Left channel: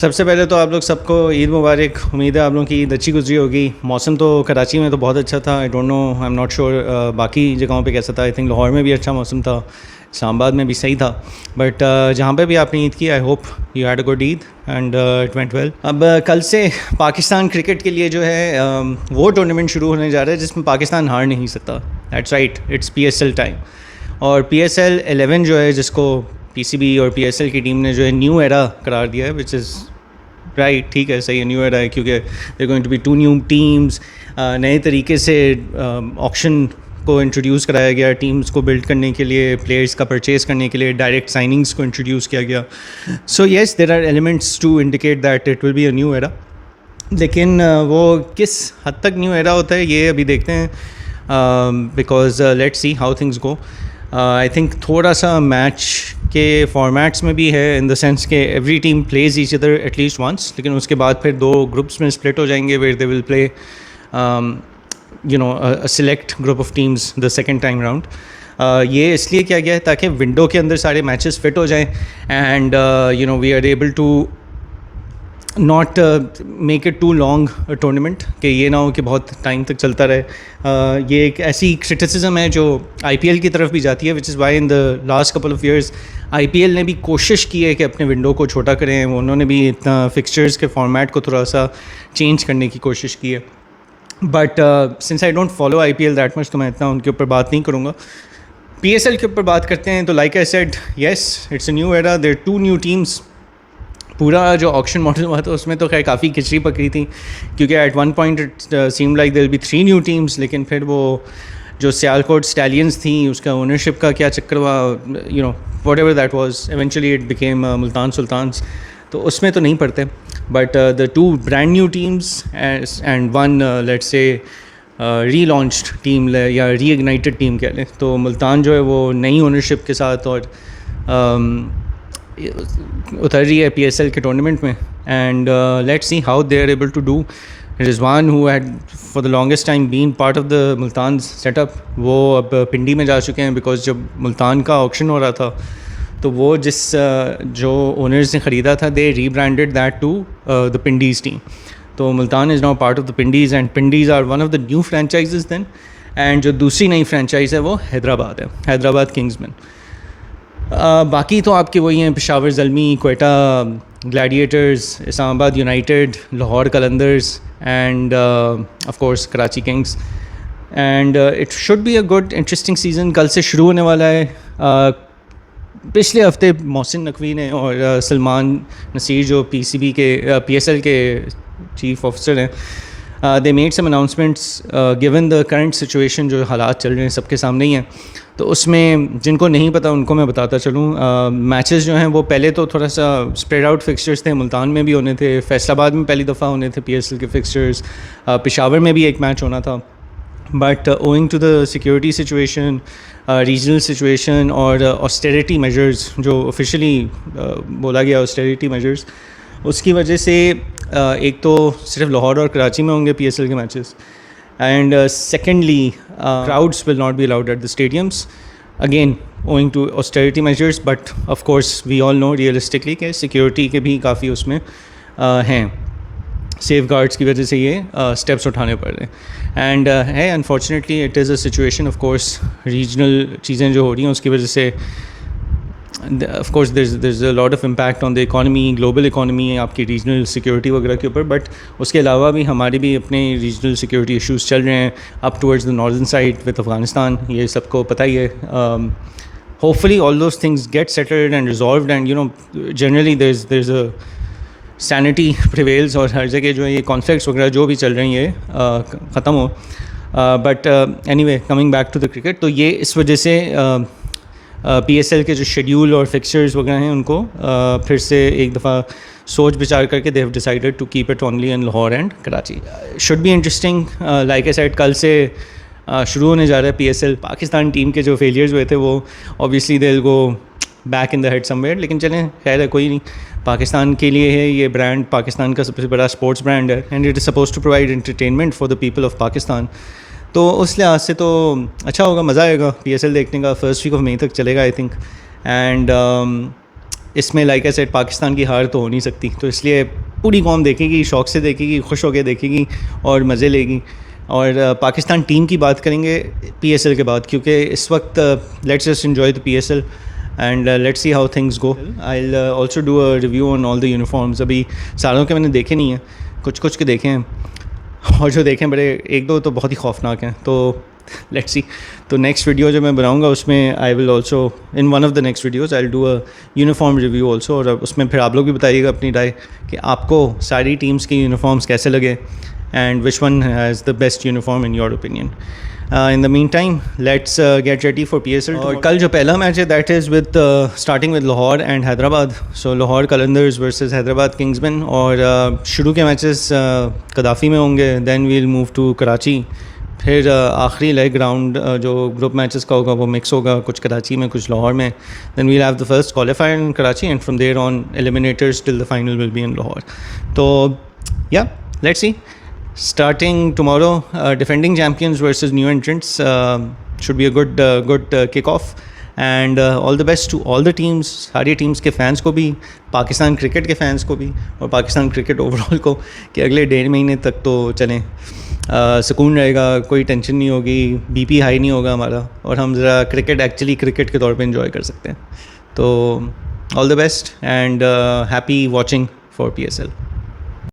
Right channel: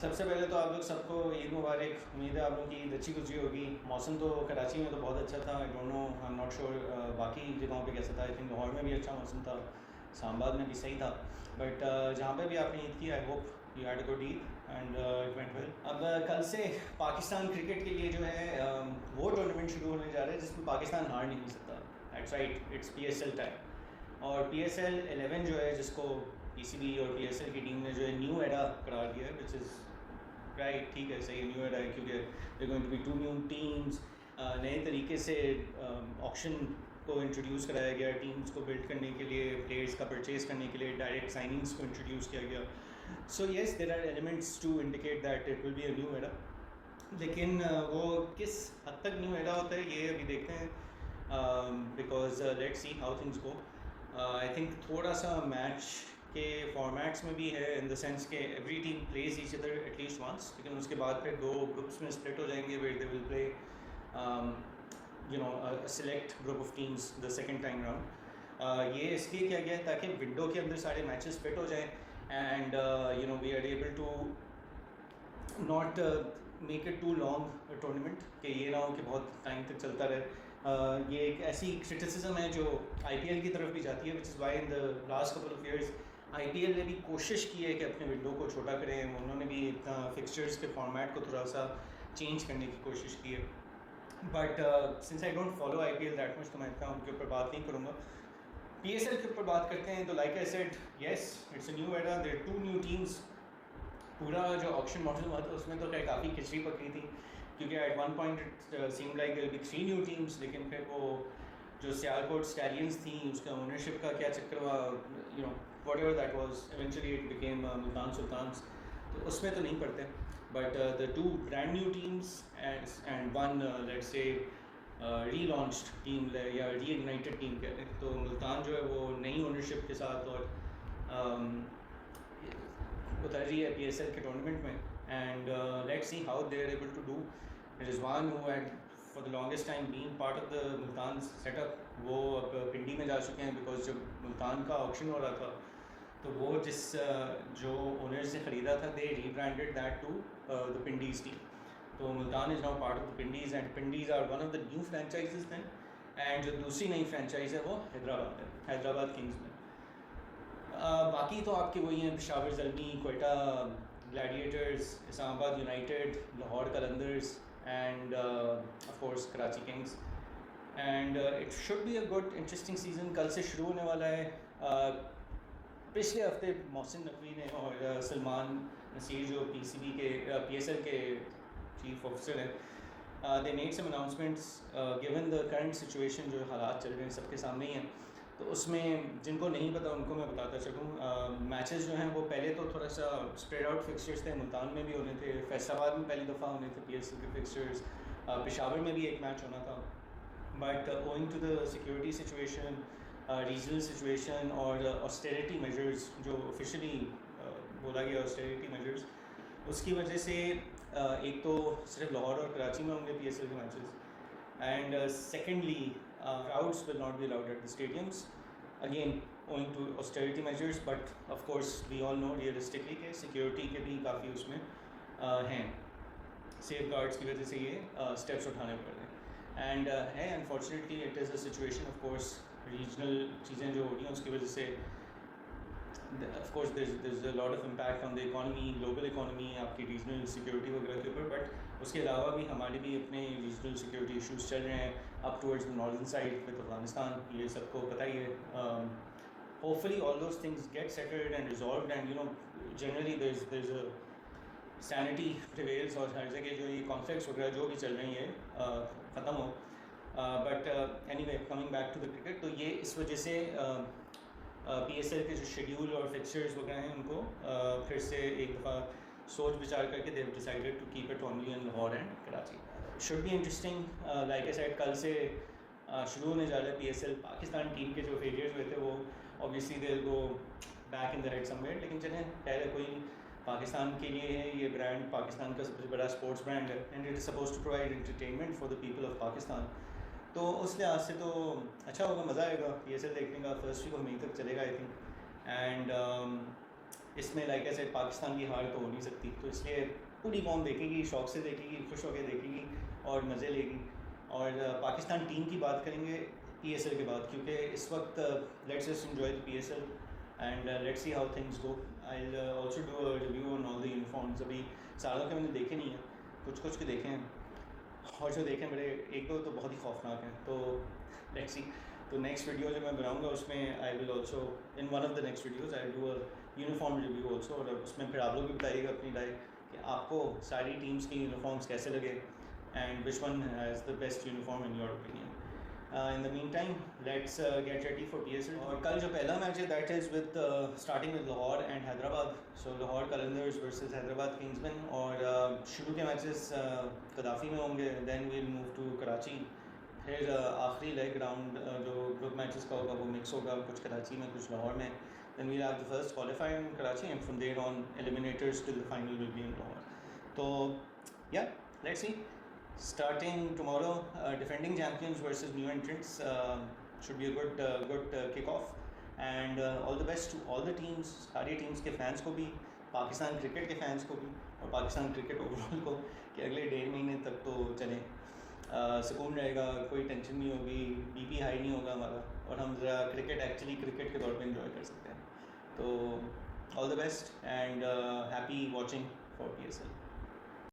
सबसे पहले तो आप लोग सबको ईद मुबारक। उम्मीद है आप लोगों की ईद अच्छी गुजरी होगी। मौसम तो कराची में तो बहुत अच्छा था। I don't know, I am not sure बाकी जगहों पे कैसा था। आई थिंक लाहौर में भी अच्छा मौसम था, इस्लामाबाद में भी सही था। बट जहाँ पे भी आपने ईद की, I hope you had a good Eid and it went well. अब कल से पाकिस्तान क्रिकेट के लिए जो है वो टूर्नामेंट शुरू होने जा रहा है जिसमें पाकिस्तान हार नहीं सकता। That's right, it's PSL time. और PSL 11 जो है, जिसको PCB और PSL की टीम ने जो है न्यू एरा करार दिया है, विच इज़ राइट, ठीक है, सही है, न्यू एरा है, क्योंकि there going to be 2 new teams. नए तरीके से ऑक्शन को इंट्रोड्यूस कराया गया, टीम्स को बिल्ड करने के लिए, प्लेयर्स का परचेज़ करने के लिए डायरेक्ट साइनिंग्स को इंट्रोड्यूस किया गया। So yes, there are elements to indicate that it will be a new era. लेकिन वो किस हद तक न्यू एरा होता है ये अभी देखते हैं, because let's see how things go. I think थोड़ा सा मैच के फॉर्मेट्स में भी है, इन द सेंस के every team plays each other at least once, लेकिन उसके बाद फिर 2 ग्रुप्स में स्प्लिट हो जाएंगे where they will play a select group of teams the second time round. ये इसलिए किया गया है ताकि विंडो के अंदर सारे मैचेस फिट हो जाएं and we are able to not make it too long tournament, कि ये ना हो कि बहुत टाइम तक चलता रहे। ये एक ऐसी क्रिटिसिज्म है जो IPL की तरफ भी जाती है, which is why in the last couple of years IPL ने भी कोशिश की है कि अपने विंडो को छोटा करें। उन्होंने भी इतना फिक्सचर्स के फॉर्मेट को थोड़ा सा चेंज करने की कोशिश की है। But since I don't follow IPL that much, तो मैं इतना उनके ऊपर बात नहीं करूँगा। PSL के ऊपर बात करते हैं। तो like I said, yes, it's a new era, there 2 new teams. पूरा जो ऑक्शन मॉडल हुआ था उसमें तो खैर काफ़ी खिचड़ी पकड़ी थी, क्योंकि at one point it seemed like there will be 3 new teams, लेकिन फिर वो जो सियालकोट स्टैलियंस थी उसका ओनरशिप का क्या चक्कर हुआ, whatever that was, eventually it became Multan Sultans, तो उसमें तो नहीं पड़ते। But the 2 brand new teams and one let's say relaunched team या री-इग्नाइटेड टीम कह लें, तो मुल्तान जो है वो नई ओनरशिप के साथ और उतर रही है PSL के टूर्नामेंट में। And let's see how they are able to do. Rizwan who had for the longest time been part of the Multan setup, वो अब पिंडी में जा चुके हैं, बिकॉज जब मुल्तान का ऑक्शन हो रहा था तो वो जो ओनर्स ने ख़रीदा था, they rebranded that to the Pindiz team. तो Multan is now part of the Pindiz and Pindiz are one of the new franchises then. And जो दूसरी नई फ्रेंचाइज़ है वो हैदराबाद है, हैदराबाद किंग्समैन। बाकी तो आपके वही हैं, Peshawar Zalmi, Quetta Gladiators, Islamabad United, Lahore Qalandars end of course Karachi Kings. And it should be a good interesting season. कल से शुरू होने वाला है। पिछले हफ्ते मोहसिन नकवी ने और सलमान नसीर जो PCB के PSL के चीफ ऑफिसर हैं, they made some announcements given the current situation, जो हालात चल रहे हैं सबके सामने ही हैं। तो उसमें जिनको नहीं पता उनको मैं बताता चलूँ, मैचेस जो हैं वो पहले तो थोड़ा सा स्प्रेड आउट फिक्सचर्स थे। मुल्तान में भी होने थे, फैसलाबाद में पहली दफ़ा होने थे PSL के फिक्सचर्स, पेशावर में भी एक मैच होना था। But owing to the security situation, regional situation और ऑस्टेरिटी मेजर्स जो ऑफिशियली बोला गया, ऑस्टेरिटी मेजर्स, उसकी वजह से एक तो सिर्फ लाहौर और कराची में होंगे PSL के matches, and secondly crowds will not be allowed at the stadiums, again owing to austerity measures, but of course we all know realistically कि security के भी काफ़ी उसमें हैं, safeguards की वजह से ये steps उठाने पड़ रहे हैं। and है unfortunately it is a situation, of course regional चीज़ें जो हो रही हैं उसकी वजह से of course there's a lot of impact on the economy, global economy, आपकी regional security वगैरह के ऊपर। बट उसके अलावा भी हमारे भी अपने regional security issues चल रहे हैं up towards the northern side with Afghanistan, ये सबको पता ही है। Hopefully all those things get settled and resolved, and generally there's a sanity prevails, और हर जगह जो है ये conflicts वगैरह जो भी चल रही है ख़त्म हो। But anyway, coming back to the cricket, तो ये इस वजह से PSL के जो शेड्यूल और फिक्सचर्स वगैरह हैं उनको फिर से एक दफ़ा सोच विचार करके they have decided to keep it only in Lahore and Karachi. Should be interesting. Like I said, कल से शुरू होने जा रहा है PSL। पाकिस्तान टीम के जो फेलियर्स हुए थे वो obviously they will go back in the head somewhere, लेकिन चलें, खैर है, कोई नहीं। पाकिस्तान के लिए है ये ब्रांड, पाकिस्तान का सबसे बड़ा स्पोर्ट्स ब्रांड है, and it is suppose to provide entertainment for the people of Pakistan. तो उस लिहाज से तो अच्छा होगा, मज़ा आएगा PSL देखने का। फर्स्ट वीक ऑफ मई तक चलेगा आई थिंक। एंड इसमें लाइक आई सेड पाकिस्तान की हार तो हो नहीं सकती, तो इसलिए पूरी कौम देखेगी, शौक़ से देखेगी, खुश होकर देखेगी और मज़े लेगी। और पाकिस्तान टीम की बात करेंगे PSL के बाद, क्योंकि इस वक्त let's just enjoy the PSL and let's see how things go. I will also do a review on all the uniforms. अभी सारों के मैंने देखे नहीं हैं, कुछ कुछ के देखे हैं, और जो देखें बड़े एक दो तो बहुत ही खौफनाक हैं। तो लेट्स सी, तो नेक्स्ट वीडियो जो मैं बनाऊंगा उसमें I will also in one of the next videos I will do a uniform review also, और उसमें फिर आप लोग भी बताइएगा अपनी राय कि आपको सारी टीम्स के यूनिफॉर्म्स कैसे लगे and which one has the best uniform in your opinion. In the meantime let's get ready for PSL। और कल जो पहला मैच है that is with starting with Lahore and Hyderabad. So Lahore Qalandars versus Hyderabad Kingsmen. और शुरू के मैचेस कदाफ़ी में होंगे, then we'll move to Karachi. फिर आखिरी लेग राउंड जो ग्रुप मैचेस का होगा वो मिक्स होगा, कुछ कराची में कुछ लाहौर में। Then we'll have the first qualifier in Karachi and from there on eliminators till the final will be in Lahore. तो या let's see, starting tomorrow, defending champions versus new entrants should be a good kick-off, and all the best to all the teams, सारी teams के fans को भी, Pakistan cricket के fans को भी, और पाकिस्तान क्रिकेट ओवरऑल को, कि अगले 1.5 महीने तक तो चलें, सुकून रहेगा, कोई टेंशन नहीं होगी, BP हाई नहीं होगा हमारा, और हम ज़रा क्रिकेट एक्चुअली क्रिकेट के तौर पे enjoy कर सकते हैं। तो all the best and happy watching for PSL।